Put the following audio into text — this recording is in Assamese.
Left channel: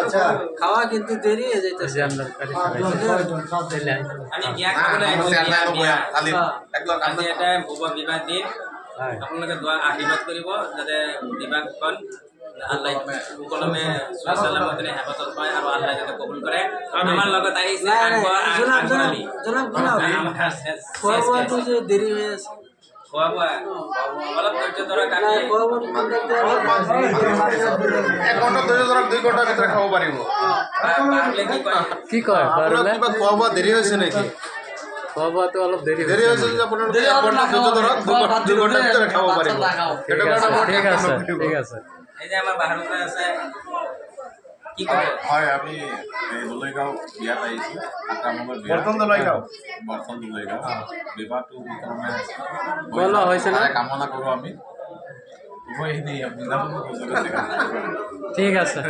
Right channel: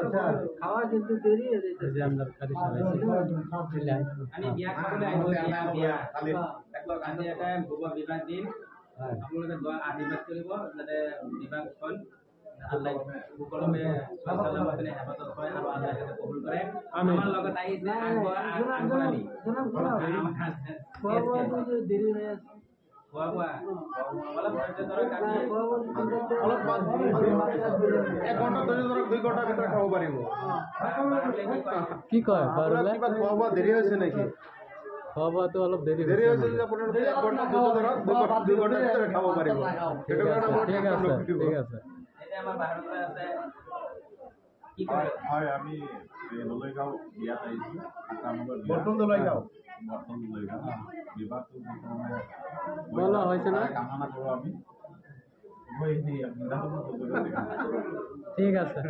আচ্ছা খাওয়া কিন্তু দেরি হয়ে যাইতেছে আমরা আমি গিয়া খাবলে আজি এটা ভুব বিবাহ দিন আপোনালোকে দোয়া আশীর্বাদ কৰিব যাতে বিবাহখন আল্লাহ সকলমে সালামতে হেফাজত পায় আৰু আল্লাহ যাতে কবুল কৰে আমাৰ লগত আহিছে জনাব খোৱাটো যে দেৰি হৈ আছে খোৱা বোৱা অলপ ধৈৰ্য ধৰক আমি 1 ঘণ্টা ধৈৰ্য ধৰক 2 ঘণ্টাৰ ভিতৰত খাব পাৰিব কি কয় পাৰলে কিবা খোৱা বোৱা দেৰি হৈছে নেকি খোৱা বোৱাটো অলপ দেৰি হৈছে যে আপোনালোকে 1 ঘণ্টা ধৈৰ্য ধৰক 2 ঘণ্টাৰ ভিতৰত খাব পাৰিব ঠিক আছে এই যে আমাৰ বাহিৰত আছে কি কয় হয় আমি দলৈগাঁও বিয়াত আহিছো বৰ্তন দলৈগাঁও বিবাহটো বলা হৈছে না কামনা কৰো আমি ঠিক আছে।